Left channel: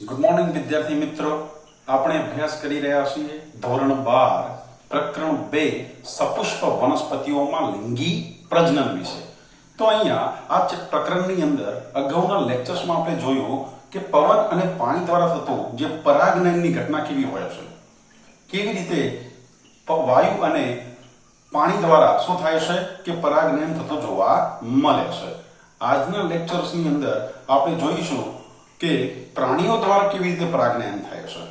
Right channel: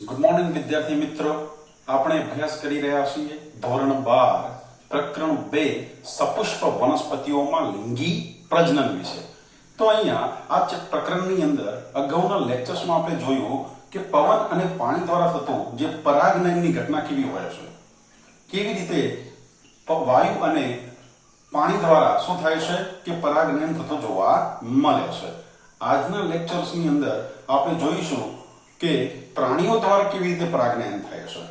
Good morning વિદ્યાર્થી મિત્રો, આપણે અભ્યાસ કરી રહ્યા છીએ ધોરણ 12 પ્રકરણ 2 સપુષ્પ વનસ્પતિઓમાં લિંગી પ્રજનન વિશે. તો અહીંયા આ પ્રકરણની અંદર અગાઉના લેક્ચર્સમાં આપણે જોયું કે પવન અને પાણી દ્વારા થતું જે પરાગનયનની ઘટના કેવી હોય છે, કેવી રીતે વાયુ અને પાણી દ્વારા શું થાય છે કે પરાગનયન થતું જોવા મળે છે. આજના લેક્ચર્સની અંદર આપણે જોઈશું કે પ્રાણીઓ દ્વારા કેવી રીતે પરાગનયન થાય છે,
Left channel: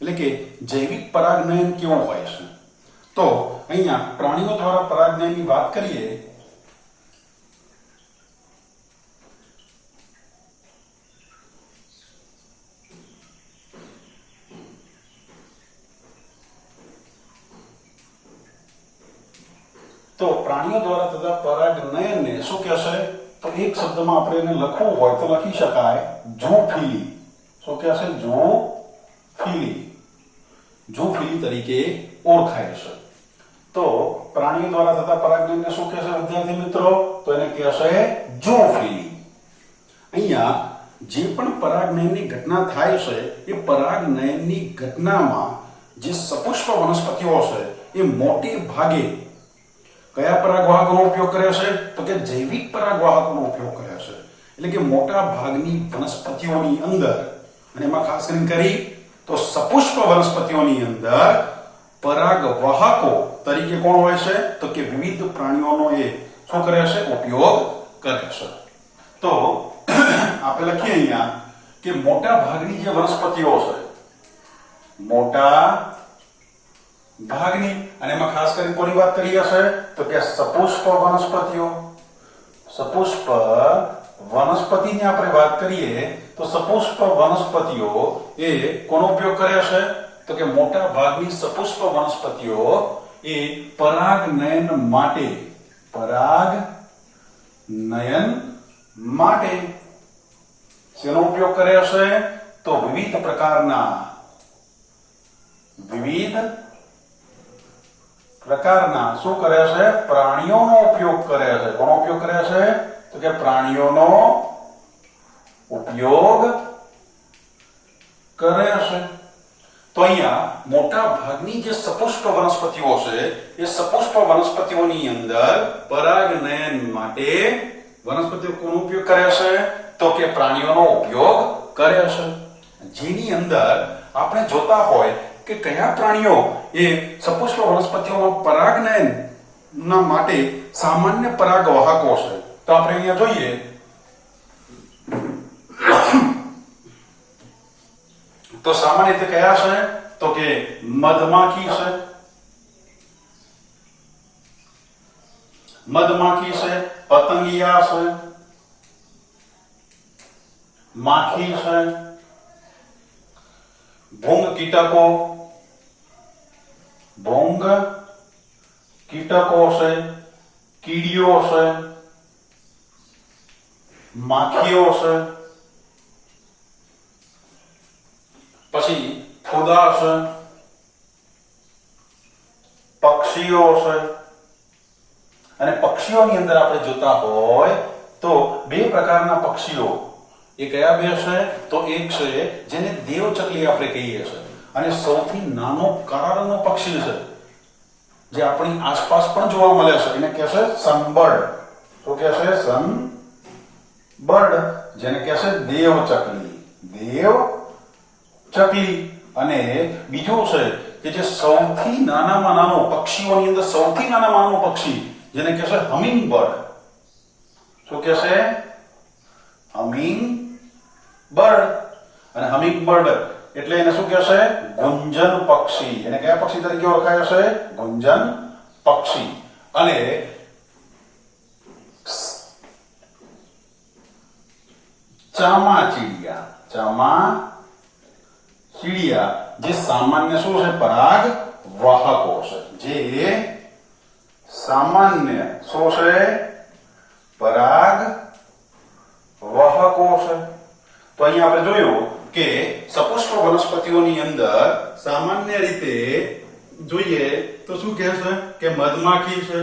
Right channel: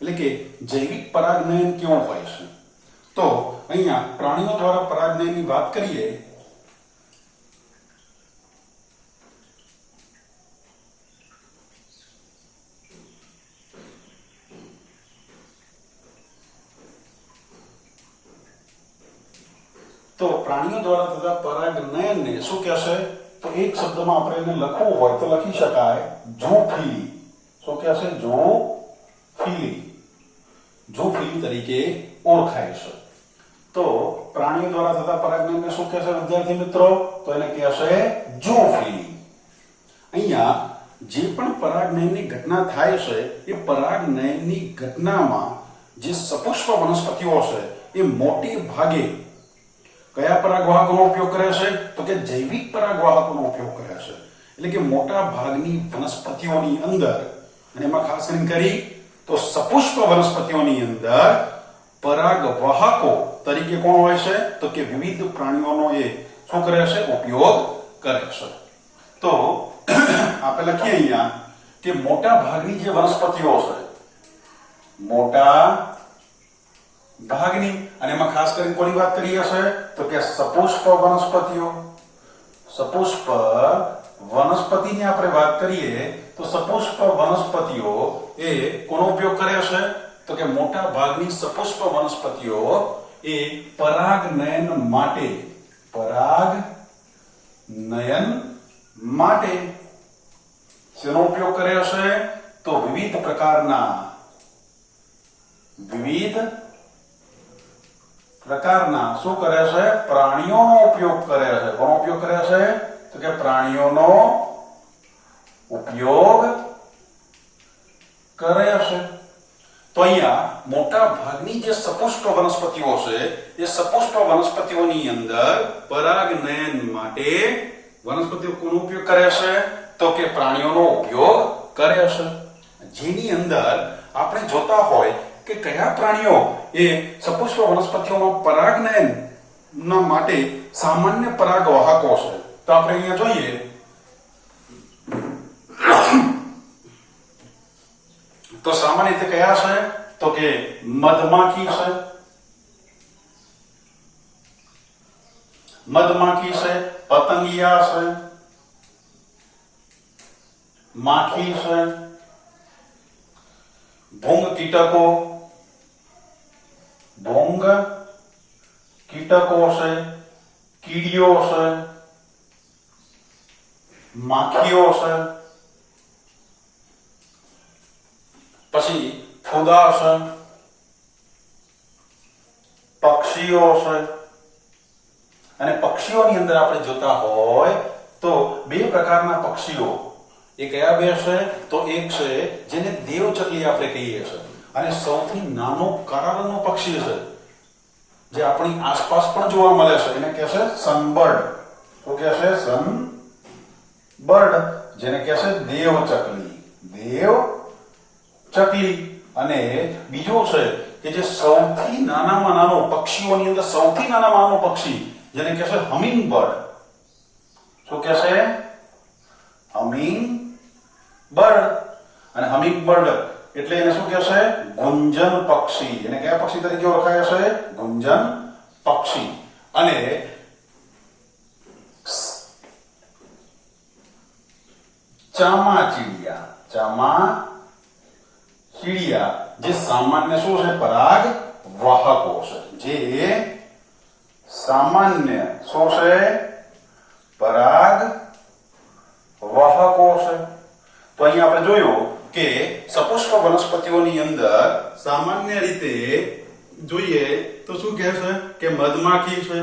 એટલે કે જૈવિક પરાગનયન કેવું હોય છે. તો અહીંયા પ્રાણીઓ દ્વારા પરાગનયનની વાત કરીએ તો પ્રાણીઓ દ્વારા થતા પરાગનયનને શું કહેશે? તો એક શબ્દમાં આપણે એને લખવું હોય તો લખી શકાય ઝૂંફીલી. શું કહેશે? ઝૂંફીલી. ઝૂંફીલી તરીકે ઓળખાય છે. તો પ્રાણીઓ દ્વારા થતા પરાગનયનને શું કહેશે વિદ્યાર્થી મિત્રો? તો એને કહેશે ઝૂંફીલી. અહીંયા જે પણ પરાગનયનની ઘટના થાય છે એ પરાગનયનની ઘટનામાં જે સપુષ્પ વનસ્પતિઓ છે એ મોટે ભાગે કયા પરાગવાહકોનો ઉપયોગ કરે છે? તો કે જૈવિક પરાગવાહકોનો ઉપયોગ કરે છે. એટલે કે મોટા ભાગની વનસ્પતિઓની અંદર, અને એમાં ખાસ કરી તો સપુષ્પ વનસ્પતિઓની અંદર પરાગવાહકો તરીકે કોણ હોય છે? તો કે વિવિધ પ્રાણીઓનો એ શું કરે છે? ઉપયોગ કરે છે. તો આપણે લખીએ અહીંયા કે મોટા ભાગની જે વનસ્પતિઓ છે, મોટા ભાગની, અને એમાં ખાસ કરીને કોની વાત કરીએ છે? તો કે સપુષ્પ વનસ્પતિઓ. સપુષ્પ વનસ્પતિની આપણે વાત કરીએ તો સપુષ્પ વનસ્પતિઓ એ કોનો ઉપયોગ કરે છે? તો કે મોટા ભાગની સપુષ્પ વનસ્પતિઓ એ પરાગનયન માટે શેનો ઉપયોગ કરે છે? તો વિવિધ પ્રકારના શું કરે છે? પ્રાણીઓનો ઉપયોગ કરે છે. કોનો ઉપયોગ કરે છે? તો કે પ્રાણીઓનો ઉપયોગ કરે છે. તો અહીંયા મોટા ભાગની જે સપુષ્પ વનસ્પતિઓ છે એ સપુષ્પ વનસ્પતિઓની અંદર પરાગનયન માટે વનસ્પતિઓ કોનો ઉપયોગ કરે છે? તો કે પ્રાણીઓનો ઉપયોગ કરે છે. જેની અંદર આપણે જોતા હોય કે કયા પ્રાણીઓ એ સપુષ્પ વનસ્પતિઓમાં પરાગનયન ના માટે સામાન્ય પરાગવાહકો છે. તો આપણે અહીંયા જોઈએ તો સામાન્ય રીતે કયા છે? તો કે મધમાખી છે, પતંગિયા છે, માખી છે, ભૂંગ કીટકો છે, કીડીઓ છે, માખીઓ છે, પછી ફૂદા છે, પક્ષીઓ છે. અને પક્ષીઓની અંદર આપણે જોતા હોય તો બે પ્રકારના પક્ષીઓ. એ કયા બે છે? તો એક છે જેને દેવચકલી આપણે કહીએ છીએ, અને સૌથી નાનો કાળાનો પક્ષી છે જે આપણી આસપાસ પણ જોવા મળે છે, એને કહે છે સનબર્ડ. તો કહે છે સનબર્ડ, જેને કહે છે દેવચકલી. અને બીજો છે કે જે સૌથી નાનામાં નાનો પક્ષીઓની અંદર સૌથી નાનામાં નાનો પક્ષી, જેને કહે છે હમિંગબર્ડ. શું કહે છે? હમિંગબર્ડ. અને હમિંગબર્ડ એટલે એને શું કહે છે? ગુંજન પક્ષી. એને કયા પક્ષી તરીકે ઓળખાય છે? ગુંજન પક્ષી. અને ચામાચીડિયા જે સામાન્ય શું છે? પરાગ વાહકો છે. જે સામાન્ય શું છે? પરાગ વાહકો છે. તો અહીંયા આપણે જોયું કે સપુષ્પ વનસ્પતિઓની અંદર સામાન્ય રીતે જોઈએ તો શું કહે છે કે મધમાખી છે,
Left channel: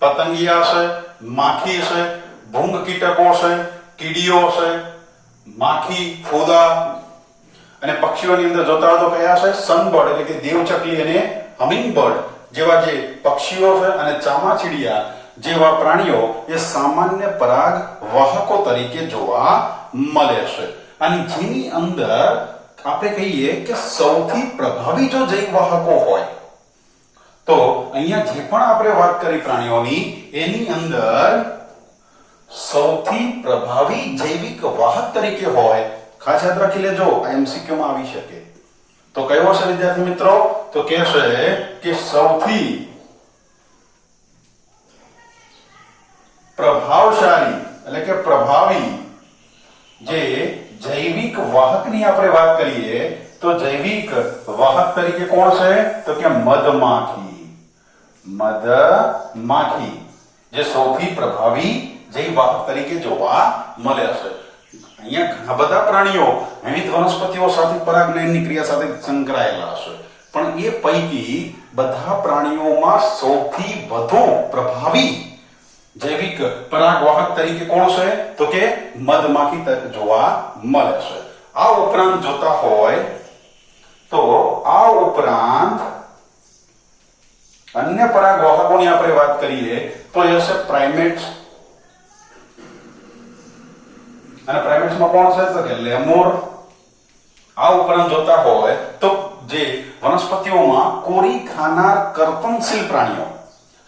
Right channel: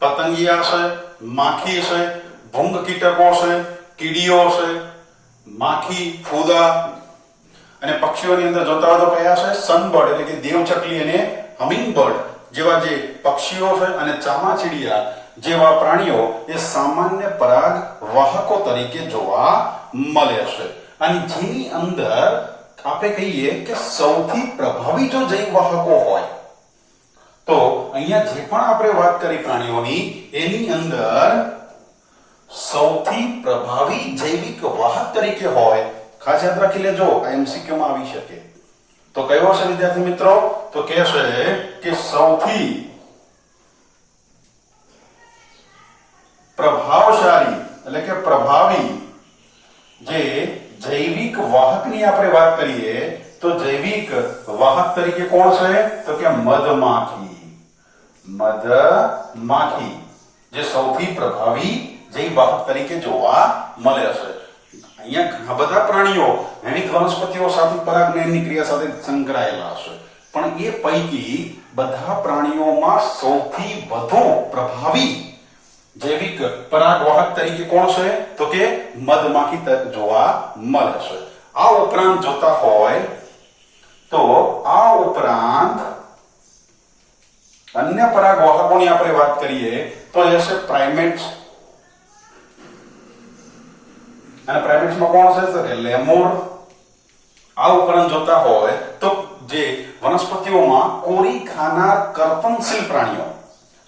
પતંગિયા છે, માખી છે, ભૂંગ કીટકો છે, કીડીઓ છે, માખી, ફૂદા, અને પક્ષીઓની અંદર જોતા હોય તો કયા છે? સનબર્ડ એટલે કે દેવચકલી અને હમિંગબર્ડ જેવા જે પક્ષીઓ છે અને ચામાચીડિયા જેવા પ્રાણીઓ એ સામાન્ય પરાગ વાહકો તરીકે જોવા મળે છે. અને જેની અંદર આપણે કહીએ કે સૌથી પ્રભાવી જો જૈવ વાહકો હોય તો અહીંયા જે પણ આપણે વાત કરી પ્રાણીઓની એની અંદર સૌથી પ્રભાવી જૈવિક વાહક તરીકે હોય, ખાસ યાદ રાખી લેજો, આ એમસીક્યુ માં આવી શકે. તો કયો છે વિદ્યાર્થી મિત્રો? તો કે છે કે સૌથી પ્રભાવશાળી એટલે કે પ્રભાવી જે જૈવિક વાહકની આપણે વાત કરીએ તો જૈવિક વાહક તરીકે કોણ છે? તો કે મધમાખી. મધમાખી જે સૌથી પ્રભાવી જૈવ વાહક તરીકે જોવા મળે છે. અહીંયા ઘણા બધા પ્રાણીઓ વિવિધ વનસ્પતિઓ સાથે પરાગનયનની ક્રિયા સાથે સંકળાયેલા છે, પણ એ પૈકી બધા પ્રાણીઓમાં સૌથી વધુ પ્રભાવી જૈવિક પરાગવાહક તરીકે કોણ છે? તો કે મધમાખી જોવા મળે છે. આ ઉપરાંત જોતા હોય તો આ ઉપરાંત અન્ય પરાગવાહકોની આપણે વાત કરીએ તો એ છે પ્રાઇમેટ્સ. અને પ્રાઇમેટ્સમાં કોણ છે? તો કે લેમુર. આ ઉપરાંત જોતા હોય તો જે વનસ્પતિઓમાં કોરી ખાનાર કર્તનશીલ પ્રાણીઓ,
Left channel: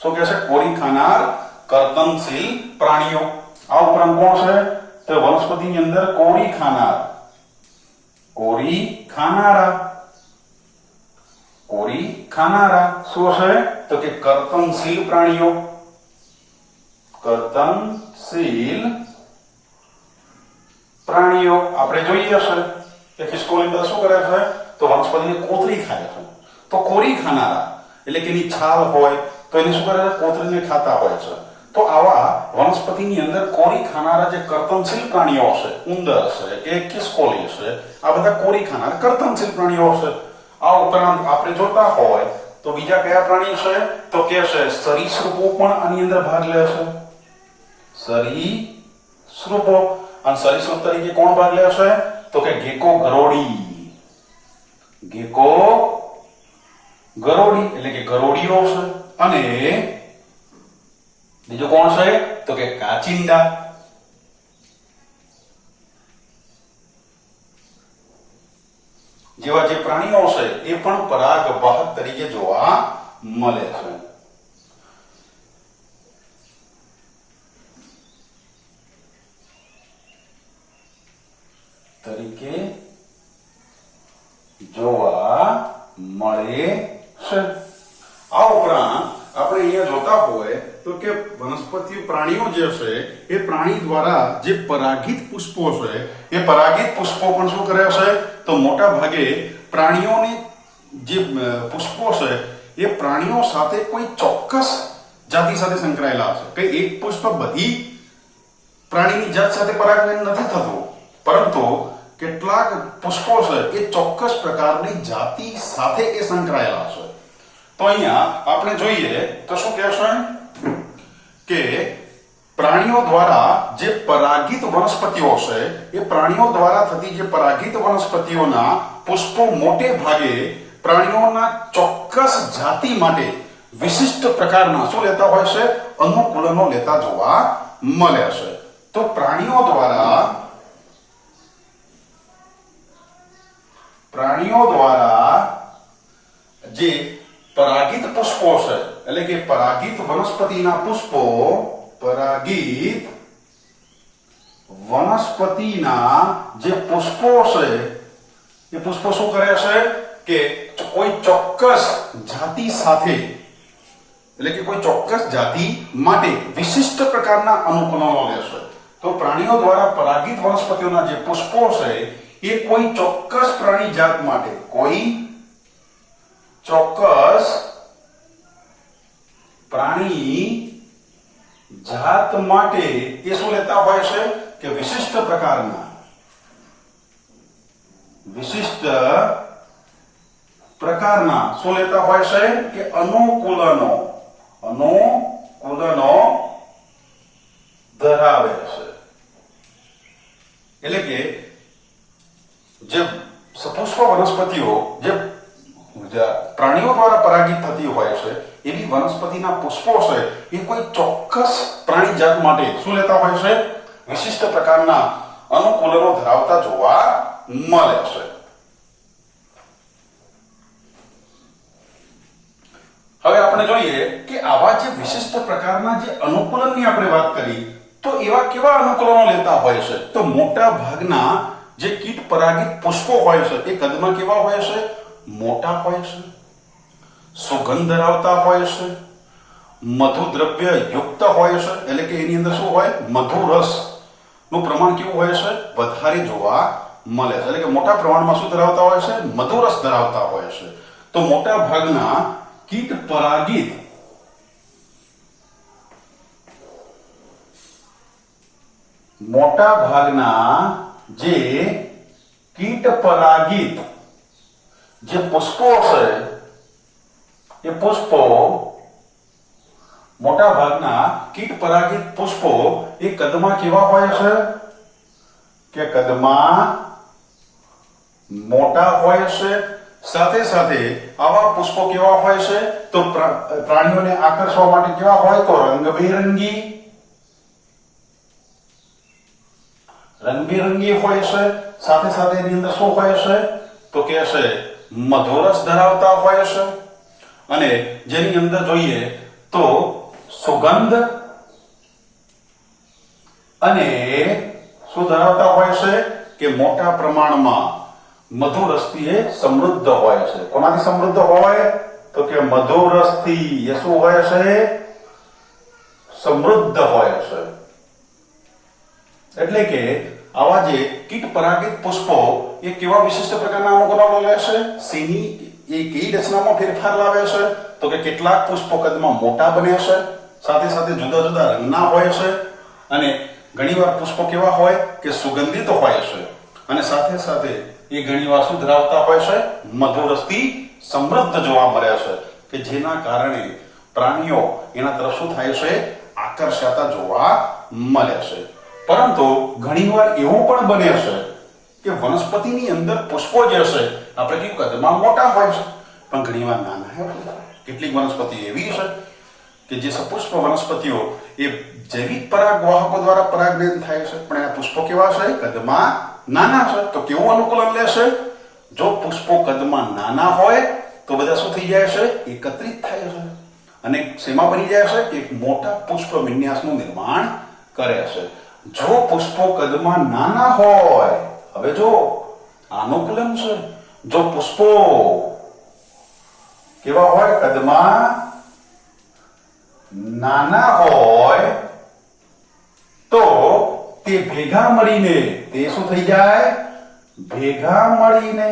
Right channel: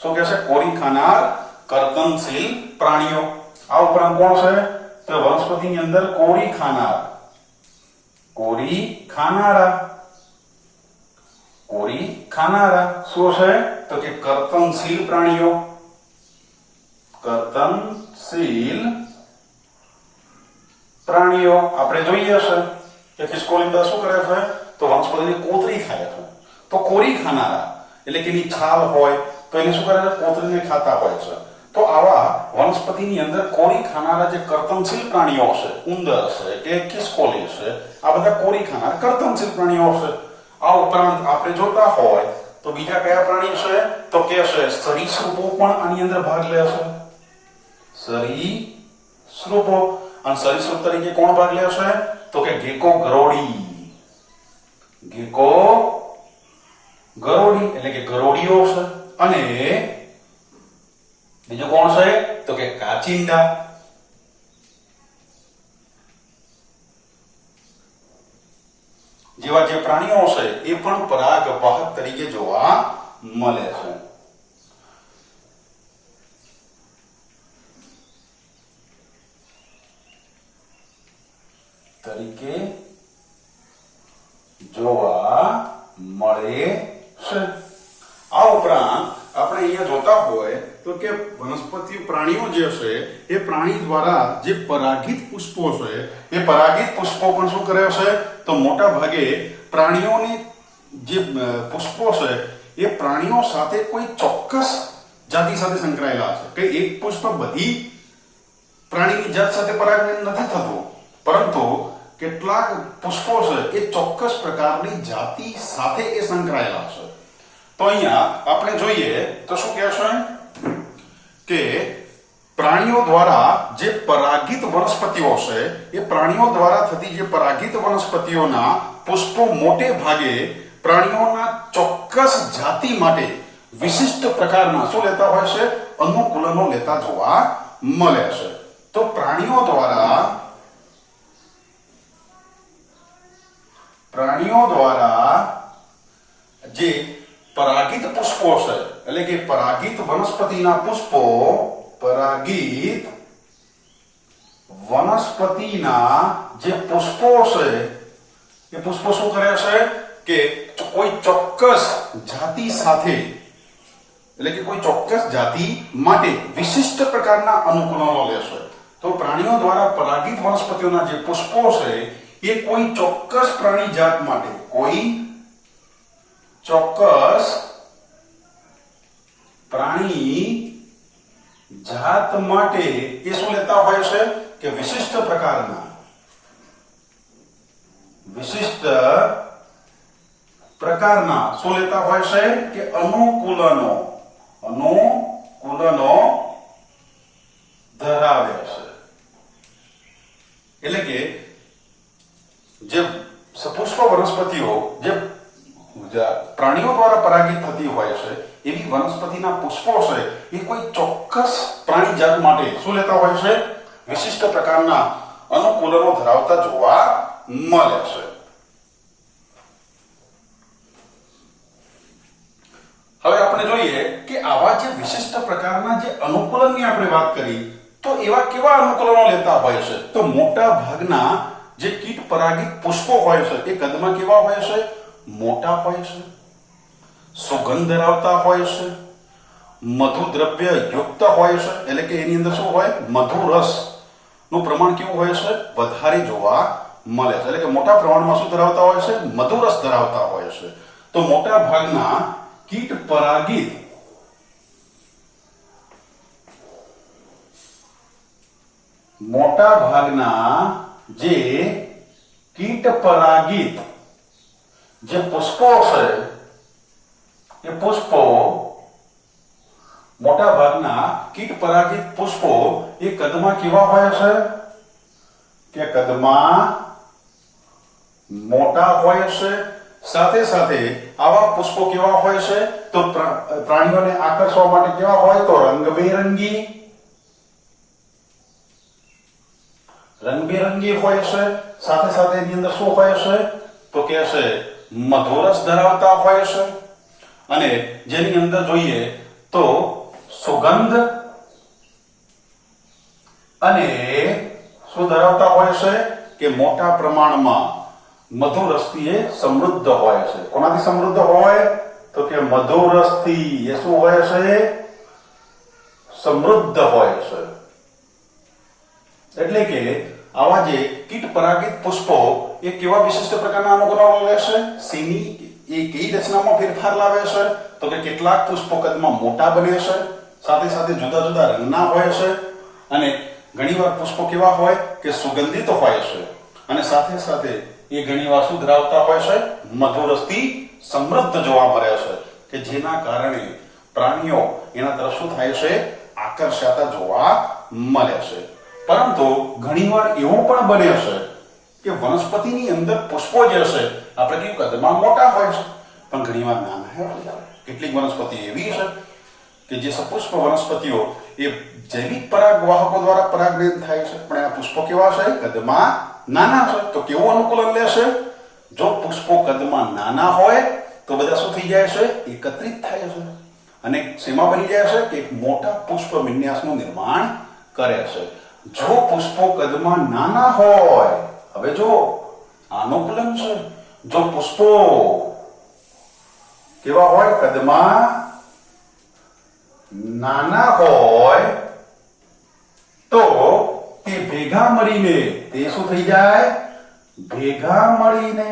શું કહે છે? કોરી ખાનાર કર્તનશીલ પ્રાણીઓ. આ ઉપરાંત કોણ છે? તો વનસ્પતિની અંદર કોરી ખાનારા શું છે? તો કે કર્તનશીલ પ્રાણીઓ. કર્તનશીલ પ્રાણીઓ આપણે જોઈએ છે કે ખિસકોલીંદર શું કરે છે? તો વનસ્પતિની કોતરી ખાય છે. તો કોરી ખાનારા એટલે કે એની છાલ હોય તો એને શું કરે છે? કોતરીને ખાતા હોય છે. તો આવા વનસ્પતિની અંદર કોરી ખાનારા જે કર્તનશીલ પ્રાણીઓ છે, ઉંદર છે કે ખિસકોલી છે, આ બધા કોરી ખાનાર કર્તનશીલ પ્રાણીઓ છે. આ ઉપરાંત આપણે જોતા હોય તો બીજા કયા પ્રાણી છે? તો કે છે સરીસૃપો પણ આની અંદર ભાગ લે છે. સરીસૃપો. અને સરીસૃપ તરીકે કોણ ભાગ લે છે? તો કે ગેકો ગરોડી એટલે કે ગરોડીઓ છે. અને બીજું કોણ છે? તો કે કાચિંડા. જેવા જે પ્રાણીઓ છે એ પણ પરાગવાહક તરીકે જોવા મળે છે. આ ઉપરાંત આપણે અહીંયા જોતા હોય તો કે વનસ્પતિ પ્રાણીઓ જે છે એ પ્રાણી દ્વારા જે પરાગિત પુષ્પો છે એ પરાગિત પુષ્પો પણ શું કરે છે? તો મોટા ભાગે પ્રાણીઓની જે પુષ્પો છે એ પ્રાણીઓ સાથે કોઈ ચોક્કસ જાતિ સાથે સંકળાયેલા છે. કે એક પુષ્પ બધી પ્રાણીની જાત સાથે પરાગનયન નથી થતું, પરંતુ કેટલાક પુષ્પો છે એ ચોક્કસ પ્રકારની જાતિ સાથે એ સંકળાયેલા છે. તો અહીંયા આપણે જોઈએ તો શું કહે છે કે પ્રાણીઓ દ્વારા જે પરાગિત વનસ્પતિઓ છે એ પ્રાણીઓ દ્વારા થતી જે પરાગિત વનસ્પતિઓના પુષ્પો મોટે ભાગે પ્રાણીઓના ચોક્કસ જાતિ માટે વિશિષ્ટ પ્રકારના શું લેતા હોય છે? અનુકૂલનો લેતા જોવા મળે છે. તો પ્રાણીઓ દ્વારા જે પરાગિત પુષ્પો છે એટલે કે પરાગિત વનસ્પતિના પુષ્પો, પરાગિત વનસ્પતિના જે પુષ્પો છે એ પુષ્પો શું કરે છે કે કોઈ ચોક્કસ જાતિ સાથે એટલે કે કોઈ ચોક્કસ જાતિ માટે વિશિષ્ટ પ્રકારના અનુકૂલનો લે છે. તો પ્રાણીઓ દ્વારા પરાગિત વનસ્પતિઓના જે પુષ્પો છે એ કોઈ ચોક્કસ પ્રાણી જાત માટે, કોઈ ચોક્કસ પ્રાણી જાત માટે એ શું લેતા હોય છે કે વિશિષ્ટ પ્રકારના શું લેતા હોય છે કે અનુકૂલનો ધરાવે છે. એટલે કે જે સપોઝ વનસ્પતિઓ જે પ્રાણીઓ દ્વારા પરાગિત થતી હોય છે એવી વનસ્પતિના પુષ્પો છે એ કોઈ ચોક્કસ પ્રાણી જાત માટે શું લેતા હોય છે? વિશિષ્ટ પ્રકારના અનુકૂલનો ધરાવતા જોવા મળે છે. હવે આપણે જોઈએ કે આવા જે વિશિષ્ટ પ્રકારના જે અનુકૂલનની આપણે વાત કરી તો એવા કેવા અનુકૂલનો લેતા હોય છે? તો મોટા ભાગના જે કીટ પરાગિત પુષ્પો હોય છે એ કદમાં કેવા હોય છે? મોટા હોય છે, સુગંધ ધરાવતા હોય છે, મધુ દ્રવ્ય યુક્ત હોય છે, એટલે કે એની અંદર શું હોય? મધુ રસ નું પ્રમાણ કેવું હોય છે? વધારે જોવા મળે છે. એટલે કે મોટા પ્રમાણમાં શું ધરાવતા હોય છે? મધુ રસ ધરાવતા હોય છે. તો મોટા ભાગના કીટ પરાગિત જે કીટ પરાગિત જે પુષ્પો છે એ પુષ્પો મોટા ભાગના કીટ પરાગિત પુષ્પો એ કદમાં કેવા હોય છે? કે કદમાં મોટા હોય છે. સાથે સાથે આવા પુષ્પો કેવા હોય છે? તો પ્રાણીઓને આકર્ષવા માટે કેવા હોય? તો રંગબેરંગી હોય છે. સાથે સાથે એની અંદર શું હોય છે? તો કે છે મધુરસ ધરાવતા હોય છે. અને જેની અંદર જોઈએ તો સુગંધ અને શું ધરાવતા હોય છે? કે મોટા પ્રમાણમાં મધુરસથી એ સમૃદ્ધ હોય છે. કોનાથી સમૃદ્ધ હોય? તો કે મધુરસથી એ શું હોય છે? સમૃદ્ધ હોય છે. એટલે કે આવા જે કીટ પરાગિત પુષ્પો એ કેવા વિશિષ્ટ પ્રકારના અનુકૂલનો લે છે? શેની એ કઈ રચનામાં ફેરફાર લાવે છે? તો કે કેટલાક પુષ્પો કદમાં મોટા બને છે, સાથે સાથે જુદા જુદા રંગના હોય છે, અને ઘણીવાર પુષ્પો કેવા હોય? કે સુગંધિત હોય છે, અને સાથે સાથે એ ઘણીવાર શું ધરાવતા હોય છે? મધુરસથી સમૃદ્ધ જોવા મળે છે, કે જેના કારણે પ્રાણીઓ એના તરફ શું થાય છે? આકર્ષાતા જોવા મળે છે. પરંતુ ઘણીવાર એવું પણ બને છે કે વનસ્પતિની અંદર પુષ્પો જે છે આપણે કયું કદમાં મોટા હોય છે પણ ઘણીવાર નાના હોય. કેટલીક વનસ્પતિ એવી છે કે જે સપુષ્પ વનસ્પતિઓ એ જૈવિક પરાગવાહકો દ્વારા પરાગરેણ થાય છે, પણ એના પુષ્પો કેવા છે? કદમાં નાના છે. તો કેવું અનુકૂલન લેશે? જો પુષ્પો કદમાં નાના હોય તો બધા શું થઈ જાય છે? એકત્રિત થાય છે, અને શેમાં બની જાય છે? એક મોટા પુષ્પ વિન્યાસનું નિર્માણ કરે છે. જો પુષ્પો કદમાં નાના હોય, હવે જો અનુકૂલન છે, જો પુષ્પો કેવા હોય? કદમાં નાના હોય તો તે ભેગા મળીને તે શું થઈ જાય? ભેગા મળીને,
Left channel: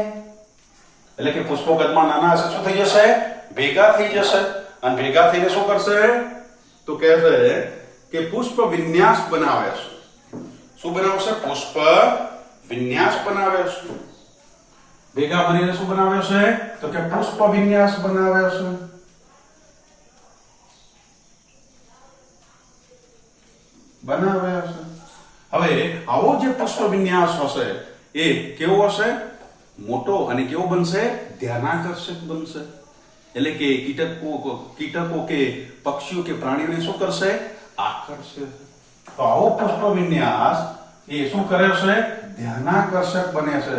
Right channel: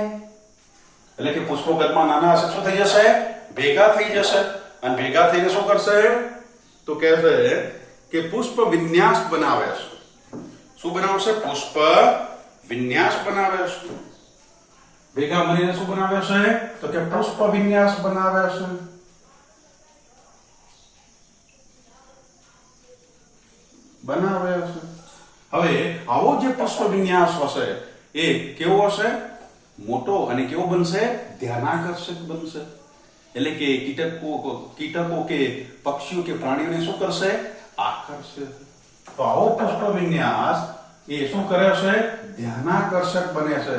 એટલે કે પુષ્પો કદમાં નાના હશે, શું થઈ જશે? ભેગા થઈ જશે, અને ભેગા થઈને શું કરશે? તો કહેશે કે પુષ્પ વિન્યાસ બનાવે છે. શું બનાવશે? પુષ્પ વિન્યાસ બનાવે છે. ભેગા મળીને શું બનાવે છે? તો કે પુષ્પ વિન્યાસ બનાવે છે. હવે આવો જે પુષ્પ વિન્યાસ હશે એ કેવો હશે? મોટો, અને કેવો બનશે? ધ્યાનાકર્ષક બનશે. એટલે કે કીટકો કે પક્ષીઓ કે પ્રાણીઓને શું કરશે? આકર્ષે. તો આવો પુષ્પ વિન્યાસ એ શું કરે છે? ધ્યાનાકર્ષક બને છે.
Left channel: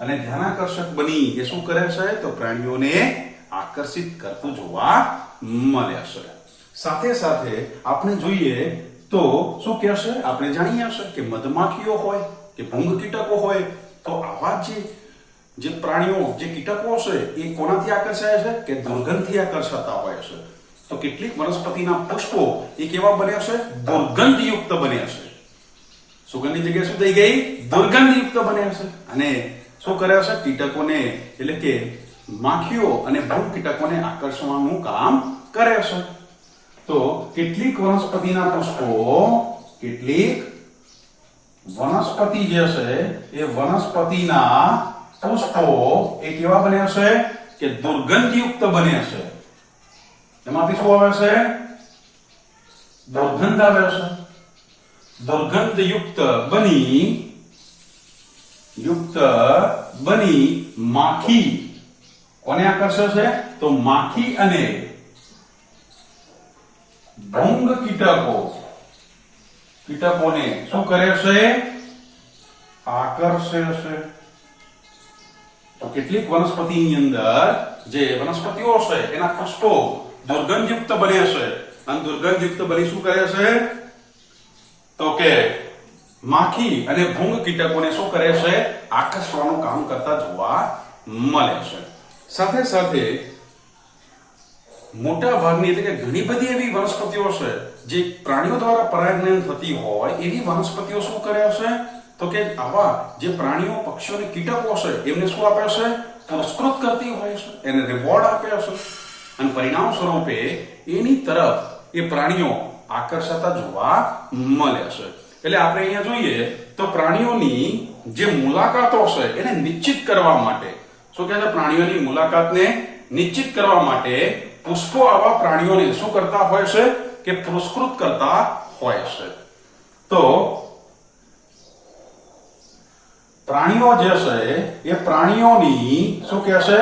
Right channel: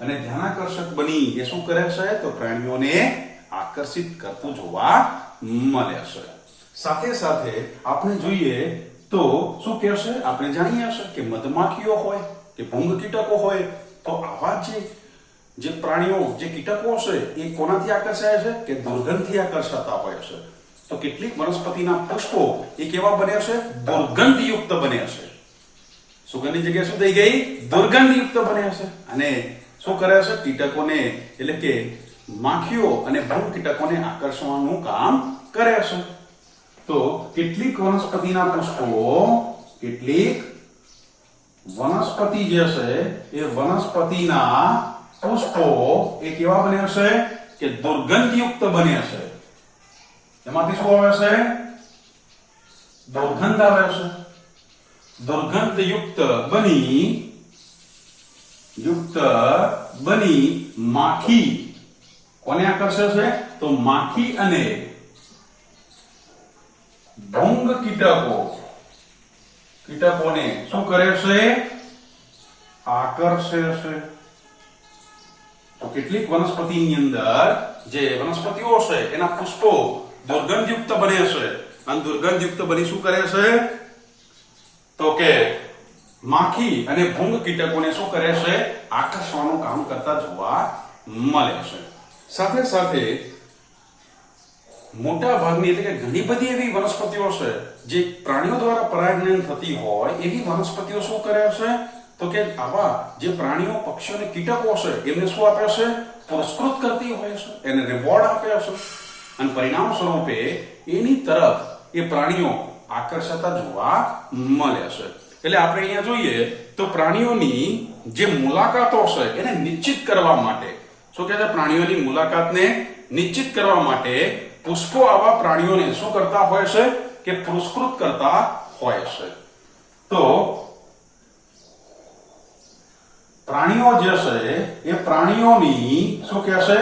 અને ધ્યાનાકર્ષક બની એ શું કરે છે? તો પ્રાણીઓને આકર્ષિત કરતું જોવા મળે છે. સાથે સાથે આપણે જોઈએ તો શું કહેશે? આપણે જાણીએ છે કે મધમાખીઓ હોય કે ભૂંગ કીટકો હોય, તો આવા જે પ્રાણીઓ, જે કીટકો છે એ કોનાથી આકર્ષાય છે? કે દુર્ગંધથી આકર્ષાતા હોય છે. તો કેટલીક વનસ્પતિના પુષ્પો એ કેવા બને છે? દુર્ગંધયુક્ત બને છે. સુગંધની જગ્યાએ શું થઈ ગઈ? દુર્ગંધયુક્ત બને છે. અને શું કરે છે? કીટકોને, એટલે કે માખીઓ અને ભૂંગ કીટકોને આકર્ષવાનું કામ કરે છે. તો કેટલીક વનસ્પતિના પુષ્પો, કેટલીક વનસ્પતિ જે છે એ વનસ્પતિના પુષ્પો એ કેવા બને છે? કે દુર્ગંધયુક્ત બને છે. એમાંથી શું આવે છે? દુર્ગંધ આવે છે. દુર્ગંધયુક્ત બની યુક્ત બની માખી કોને આકર્ષે છે? તો માખી અને ભૃંગ કીટકોને શું કરે છે? આકર્ષે છે. તો કેટલીક વનસ્પતિની અંદર જે વનસ્પતિઓ છે એના પુષ્પો દુર્ગંધયુક્ત બને છે અને દુર્ગંધયુક્ત બની શું કરે છે? તો કે માખી અને ભૃંગ કીટકોને શું કરે છે? આકર્ષવાનું કામ કરતા જોવા મળે છે. સાથે સાથે મોટા ભાગની એટલે કે ઘણી બધી એવી વનસ્પતિઓ છે જે પ્રાણીઓ દ્વારા પરાગજનન થતી હોય એવી વનસ્પતિઓ શું કરે છે? તો કે આવા જે પ્રાણીઓ પક્ષીઓ અને કીટકો છે એમને શું આપે છે? પુરસ્કૃત કરતી હોય છે, એને રિવોર્ડ આપે છે અને પરિણામ સ્વરૂપે એની તરફ એ પ્રાણીઓ આકર્ષાતા જોવા મળે છે. એટલે આપણે અહીંયા જોઈએ તો પ્રાણીઓની જે મુલાકાતો છે એને નિશ્ચિત કરવા માટે શું કહે છે? પ્રાણીઓની મુલાકાતને નિશ્ચિત કરવા માટે પુષ્પો આવા પ્રાણીઓને શું કરતા હોય છે? કે પુરસ્કૃત કરતા હોય છે. તો પ્રાણીઓ જે છે એ પ્રાણીઓની શું કહે છે?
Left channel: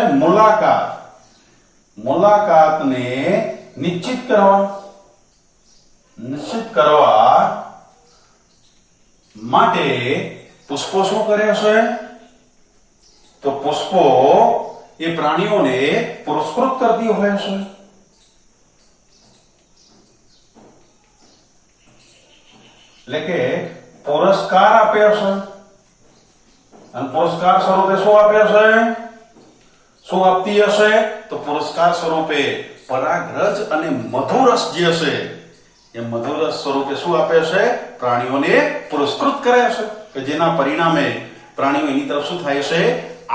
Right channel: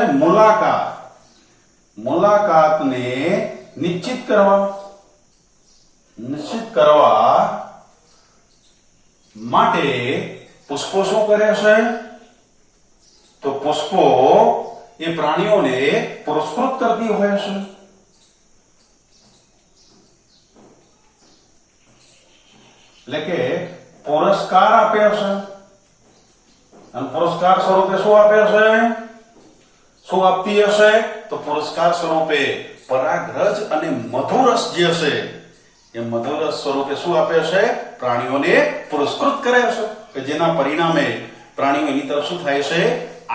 મુલાકાતને નિશ્ચિત કરવા માટે પુષ્પો શું કરે છે? તો પુષ્પો એ પ્રાણીઓને પુરસ્કૃત કરતી હોય છે. એટલે કે પુરસ્કાર આપે છે અને પુરસ્કાર સ્વરૂપે શું આપે છે? શું આપતી હશે? તો પુરસ્કાર સ્વરૂપે પરાગરજ અને મધુરસ જે છે એ મધુરસ સ્વરૂપે શું આપે છે? પ્રાણીઓને પુરસ્કૃત કરે છે કે જેના પરિણામે પ્રાણીઓ એની તરફ શું થાય છે?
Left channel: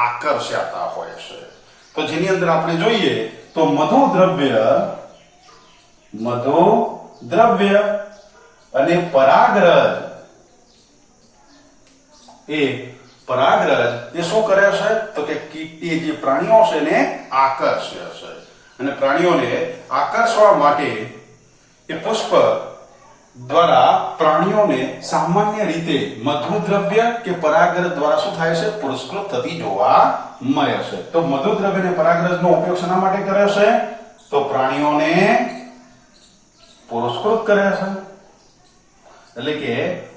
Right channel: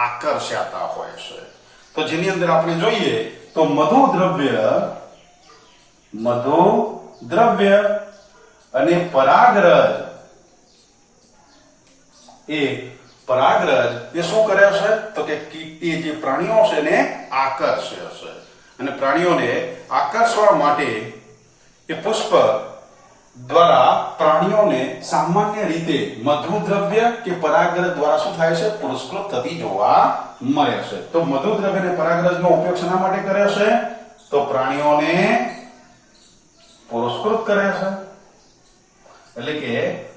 આકર્ષાતા હોય છે. તો જેની અંદર આપણે જોઈએ તો મધુ દ્રવ્ય અને પરાગરજ એ શું કરે છે? તો કે એ જે પ્રાણીઓ છે એને આકર્ષે છે અને પ્રાણીઓને આકર્ષવા માટે એ પુષ્પ દ્વારા પ્રાણીઓને સામાન્ય રીતે મધુ દ્રવ્ય કે પરાગરજ દ્વારા શું થાય છે? પુરસ્કૃત થતી જોવા મળે છે. તો મધુ દ્રવ્ય અને પરાગરજનો ઉપયોગ શેના માટે કરે છે? તો પ્રાણીઓને પુરસ્કૃત કરે છે. એટલે કે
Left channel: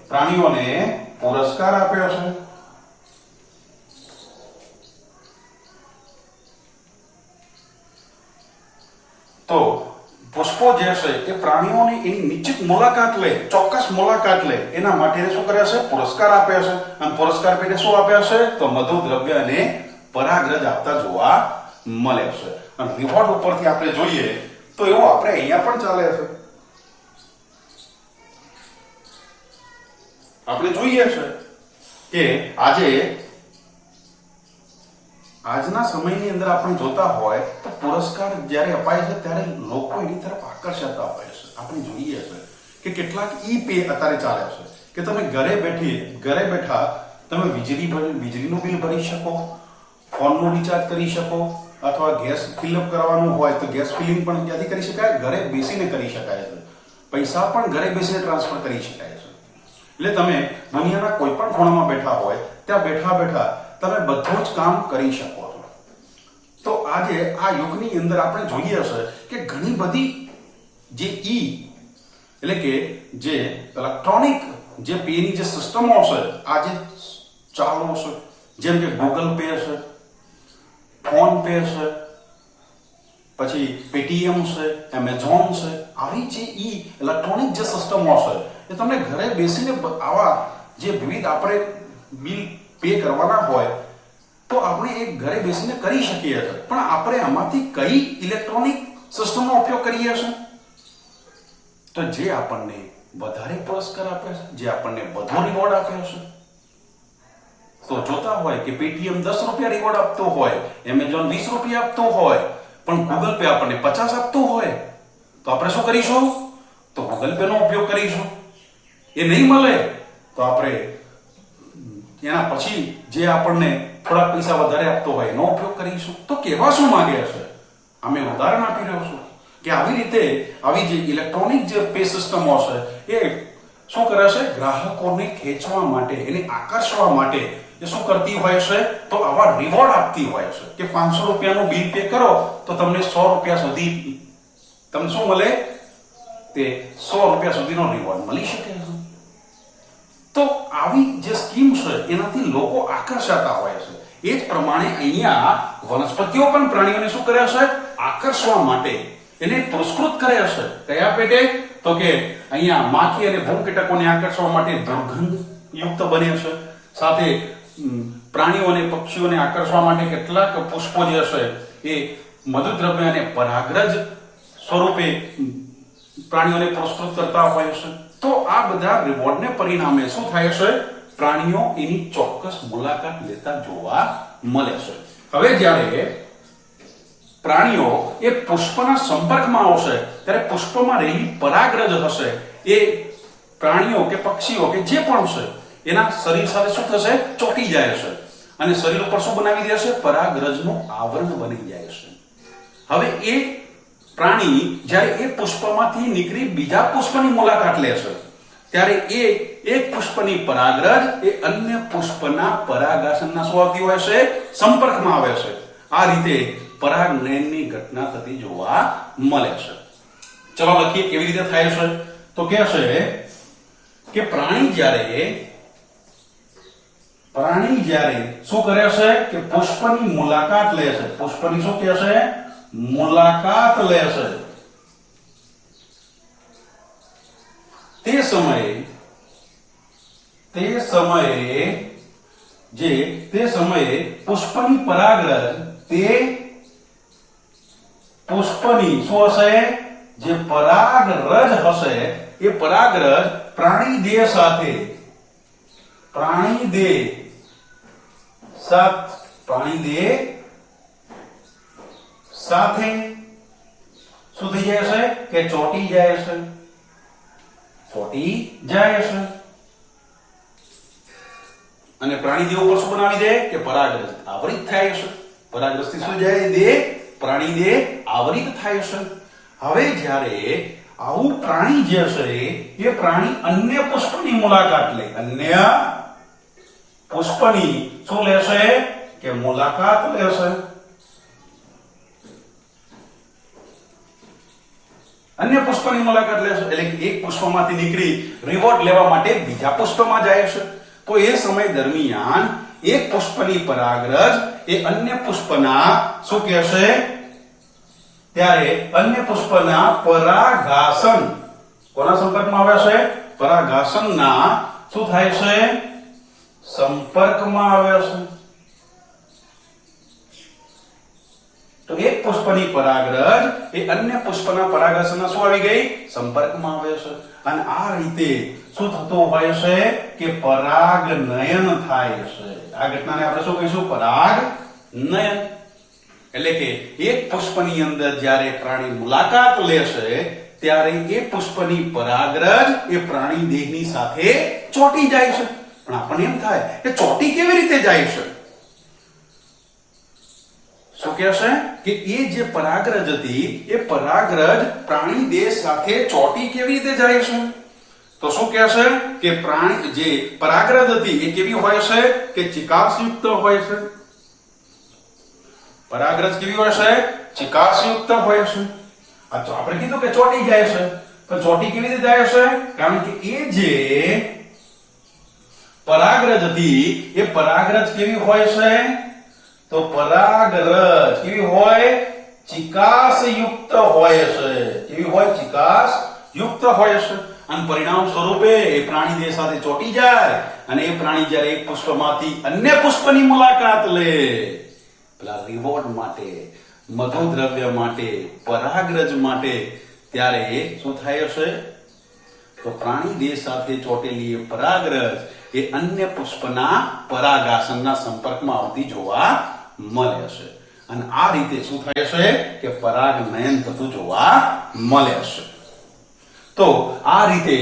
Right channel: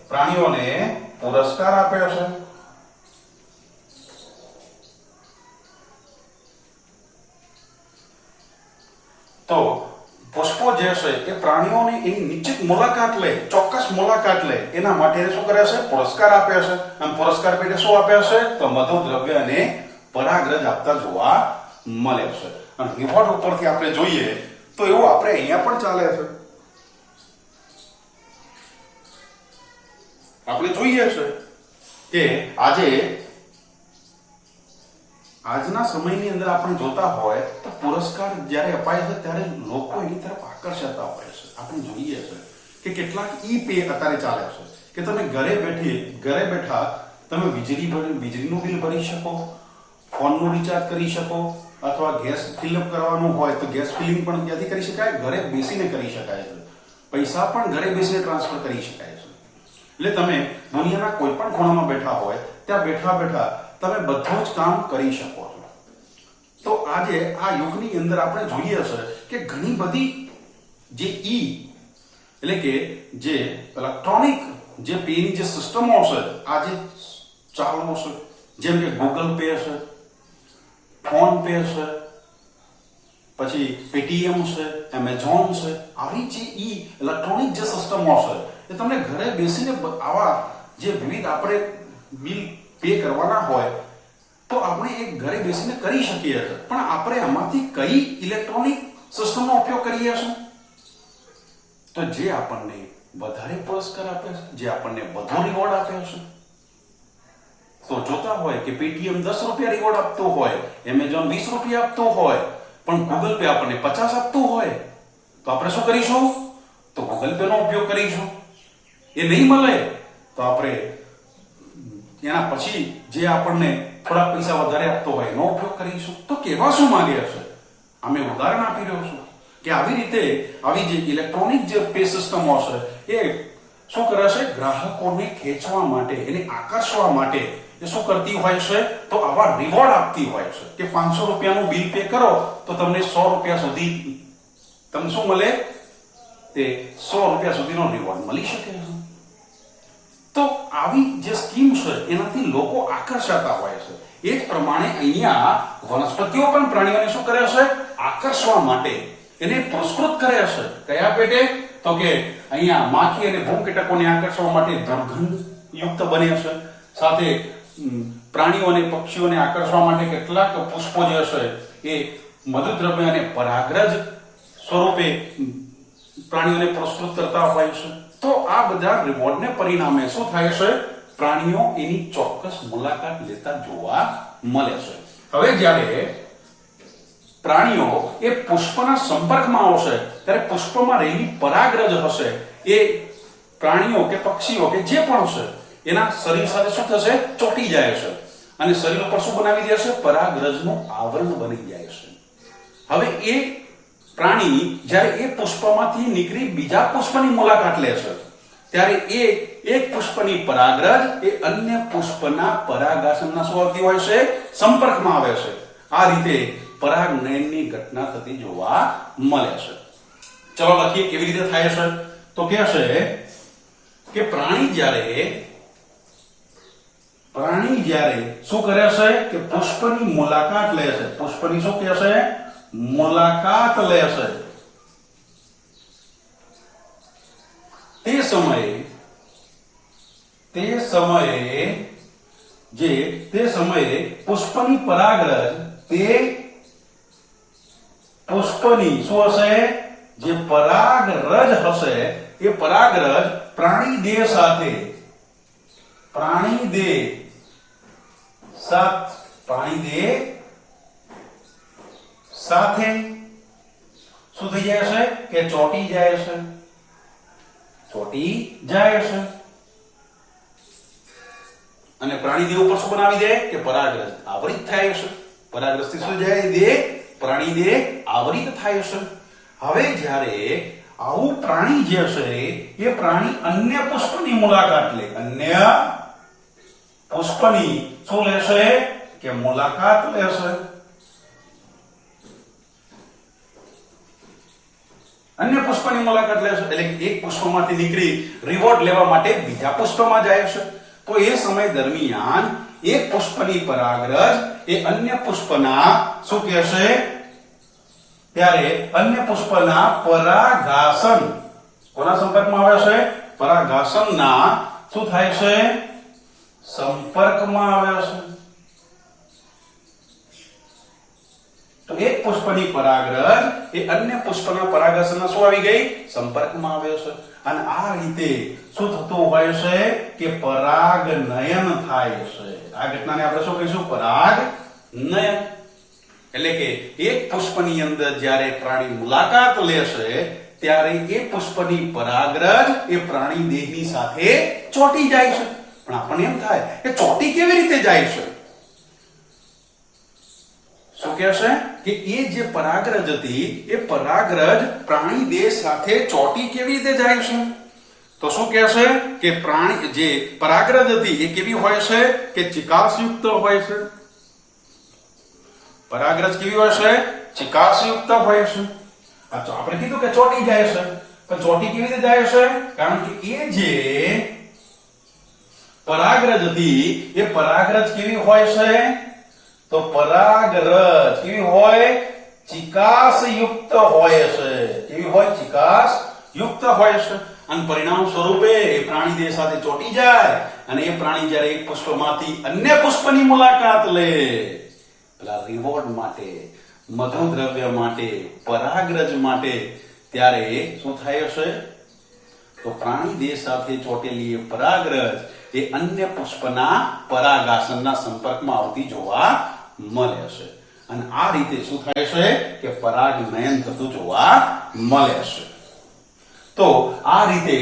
પ્રાણીઓને પુરસ્કાર આપે છે. તો પુષ્પો જે છે એ પ્રાણીઓની એની નિશ્ચિત મુલાકાત લે, ચોક્કસ મુલાકાત લે એના માટે શું કરે છે? પુરસ્કાર આપે છે અને પુરસ્કાર પેટે શું આપે છે? તો મધુ દ્રવ્ય અને પરાગરજ આપતા જોવા મળે છે. અને રિવોર્ડ ઉપરથી આપણે જોઈએ તો એવું આપણે અહીંયા પણ ચાલે છે. આપણે જોઈએ છે કે આજના સમયની અંદર આપણે જોતા હોય તો પુરસ્કાર જ્યારે અપાય છે ત્યારે લોકો એની તરફ આકર્ષાતા હોય છે. આપણે જોઈએ છે કે કેટલાક ઈ-પે અત્યારે ચાલે છે કે તમે ઘરે બેઠા તમે વીજળીનું બિલ ભરી શકો, ફોનનું રિચાર્જ કરી શકો અથવા ગેસ ફિલઅપ કરવાનું હોય તો ગેસ ફિલિંગ પણ ત્યાંથી કરી શકાય, ઘરે બેસીને કરી શકાય છે. પૈસા પણ ઘરે બેસીને ટ્રાન્સફર કરી શકાય છે. એટલે તમે દુનિયાના કોઈ પણ ખૂણામાં બેઠા હોય ત્યાં બેઠા તમે બધું જ કામ કરી શકો છો. તો આજે આ યુગની અંદર આપણે જોઈએ છે કે ઘણી બધી જે એટલે કે જે ઇલેક્ટ્રોનિક જે પેની જે સિસ્ટમો છે આજે ચાલુ છે, જેમ કે ગૂગલ પે છે, ફોન પે છે, પછી પેટીએમ છે, એમેઝોન છે, આવી જે ઇલેક્ટ્રોનિક જે સિસ્ટમો છે એ તમને ઘરે બેસીને આવા જે વિવિધ આપણે બિલ પે કરવાના હોય તો આપણે એક ઘરે બેસીને કરી શકીએ છીએ. પણ આપણે આમાંથી કઈ ઇલેક્ટ્રોનિક સિસ્ટમનો ઉપયોગ કરીએ છીએ? તો જે આપણને વધારે પુરસ્કાર આપે છે, જે આપણને વધુ રિવોર્ડ આપે છે. તો જોતા હોય કે પેટીએમ 10 રૂપિયા રિવોર્ડ આપતું હોય, એમેઝોન 20 રૂપિયા આપતું હોય, પણ ગૂગલ પે આપણને 50 આપતું હોય તો આપણે શું કરીશું? તો ગૂગલ પે નો ઉપયોગ કરીશું. એ નહીં મળે તો આપણે એના પછી જે આપણને થોડા પૈસા વધારે આપતો હોય એનો ઉપયોગ કરીશું. તો કહેવા શું માંગે છે? અમે ઉદાહરણ આપી રહ્યો છું કે આવી રીતે આવી જે ઇલેક્ટ્રોનિક જે પે સિસ્ટમો છે એ શું કરે છે? ગ્રાહકોને ખેંચવા માટે, એને આકર્ષવા માટે એ શું કરતી હોય છે? તો આવા રિવોર્ડ આપતી હોય છે કે 500 રૂપિયાનું બિલ પે કરો તો તમને 100 રૂપિયા સુધી તમને શું મળે? તે 100 રૂપિયા સુધીનો રિવોર્ડ મળી શકે છે. તો આવી જે સ્કીમ છે એનાથી લોકો આકર્ષાતા હોય છે. એ જ પ્રમાણે અહીંયા વનસ્પતિઓ પણ પ્રાણીઓને શું કરે છે? આકર્ષવા માટે એને પુરસ્કૃત કરે છે. કયા પેટે? તો કે અહીંયા માખી અને ભૂમકીટકોને આકર્ષવા માટે દુર્ગંધ યુક્ત બને છે. સાથે પ્રાણીઓ અને પક્ષીઓને આકર્ષવા માટે કેટલાક પુષ્પો જે છે એ મધુદ્રવ્ય અને પરાગરજ સ્વરૂપે પ્રાણીઓને પુરસ્કૃત કરતા હોય છે. તો આ બધા રિવોર્ડને પરિણામે શું થાય છે? પ્રાણીઓ એની ચોક્કસ મુલાકાત લેતા જોવા મળે છે. હવે જ્યારે પ્રાણીઓ એ પુષ્પના સંપર્કમાં આવશે ત્યારે પુષ્પમાં રહેલી પરાગરજ હશે એ પ્રાણીઓ કે પક્ષીઓ કે જે પણ છે એના શરીર સાથે શું થશે? ચોંટી જાય છે અને શરીર ઉપર શું બનાવી દે છે? પરાગરજનું આવરણ બની જાય છે. હવે એ પ્રાણી જ્યારે એ પુષ્પમાંથી નીકળી બીજા પુષ્પની મુલાકાત લે છે ત્યારે એ એક પુષ્પની પરાગરજ એ અન્ય પુષ્પના પરાગાસનના શું આવતી હોય છે? સંપર્કમાં આવે છે. આ રીતે પરાગનયનની ઘટના થતી જોવા મળે છે. ચલો લખીએ કેવી રીતે થાય છે. તો કે છે કે પ્રાણી જ્યારે શું કરે છે કે પુષ્પની મુલાકાત લે છે. પુષ્પની શું કહે છે? મુલાકાત લે છે. તે સમયે પુષ્પની પરાગરજ તે પુષ્પની શું હશે? જે પરાગરજ હશે એ પરાગરજ પ્રાણીદેહ સાથે શું થઈ જાય છે? કે ચોંટી જાય છે. અને પ્રાણીદેહ ઉપર શું બનાવી દે? કે પરાગરજ આવરિત થાય છે. પરાગરજથી શું જાય? પ્રાણીદેહ આવરિત થાય છે. હવે જ્યારે આવું પ્રાણી જે છે એ પ્રાણી અન્ય પુષ્પની મુલાકાત લે. અન્ય પુષ્પની શું લેશે? કે મુલાકાત લેશે. અન્ય પુષ્પની મુલાકાત લેશે એટલે એક પુષ્પમાંથી નીકળી રિવોર્ડ લેવા માટે બીજા પુષ્પમાં જાય છે. તો એ સમય દરમિયાન એક પુષ્પની પરાગરજ એ અન્ય પુષ્પના શું કહેશે? ત્યારે અન્ય પુષ્પના પરાગાસન કોના સંપર્કમાં આવે છે? પરાગાસનના શું થાય છે? સંપર્કમાં આવે છે. તો એક પુષ્પની પરાગરજ એ અન્ય પુષ્પના પરાગાસનના શું આવી ગઈ? સંપર્કમાં આવે છે. અને આ રીતે શું થતું હોય છે? કે પરાગનયન થાય છે. આ ઘટનાને આપણે શું કહીશું? પરાગનયન. એટલે કે એક પુષ્પની અંદર જ્યારે પ્રાણી મુલાકાત લેશે ત્યારે એ પુષ્પની પરાગરજ એ પ્રાણી દેહની સાથે ચોંટી જાય છે. પણ આપણને એમ થાય કે ચોંટી કેવી રીતે જાય છે? શું કહે છે? કે એ જે પરાગરજ હતી એ પરાગરજ પ્રાણી દેહ સાથે ચોંટી કેવી રીતે જાય છે? તો શું કહે છે? કે પ્રાણી જે પરાગરજ હતી એ કેવી હોય છે? કે ચિકાસયુક્ત હોય છે. પરાગરજ કેવી હોય છે? ચિકાસયુક્ત હોય છે. આ તો આપણે કીધું કે ચોંટી જાય છે. પણ ચોંટી કેવી રીતે જાય છે? કારણ કે એ જે પરાગરજ હતી એ પરાગરજ કેવી હોય છે? તો પરાગરજ કેવી હોય? ચિકાસયુક્ત હોય છે. કેવી હોય? ચિકાસયુક્ત હોય છે. અને પરિણામ સ્વરૂપે એ પ્રાણી દેહ સાથે ચોંટી જાય અને એ પ્રાણી જ્યારે એક પુષ્પમાંથી અન્ય પુષ્પની મુલાકાત લે પેલા રિવોર્ડ માટે, મધુદ્રવ્ય માટે, પરાગરજ માટે, ત્યારે શું થાય છે? તો પ્રાણી દેહ સાથે ચોંટેલી એ પરાગરજ એ અન્ય પુષ્પના પરાગાસનના સંપર્કમાં આવતી જોવા મળે છે. અને આ રીતે શું થાય છે? કે પરાગનયન થતું જોવા મળે છે. તો આ રીતે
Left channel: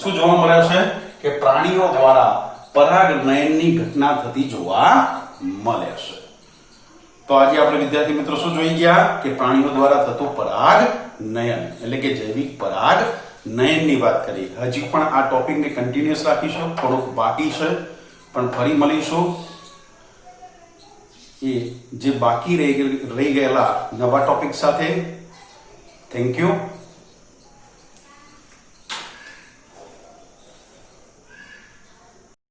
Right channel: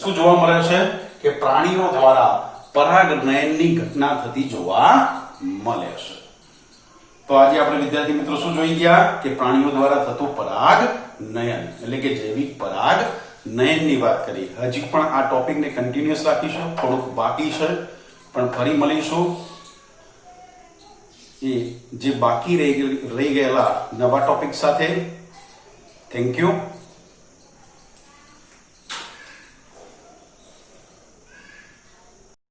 શું જોવા મળે છે? કે પ્રાણીઓ દ્વારા પરાગનયનની ઘટના થતી જોવા મળે છે. તો આજે આપણે વિદ્યાર્થી મિત્રો શું જોઈ ગયા? કે પ્રાણીઓ દ્વારા થતું પરાગનયન એટલે કે જૈવિક પરાગનયનની વાત કરી. હજી પણ આ ટોપિકને કન્ટિન્યુઅસ રાખીશું. થોડુંક બાકી છે પણ ફરી મળીશું એ જે બાકી રહી ગયેલા નવા ટોપિક સાથે. Thank you.